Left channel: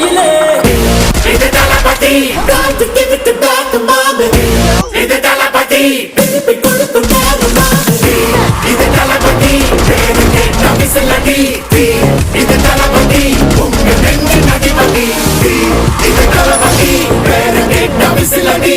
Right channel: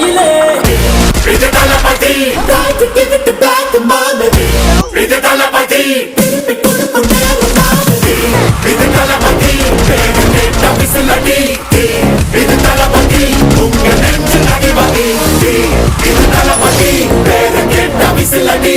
கையிலே. இது தளபதி இது தளபதி இது தளபதி விசிலடி இது தளபதி உங்க நெஞ்சில் அடிபடி இது தளபதி வேற கேட்ட விசிலடி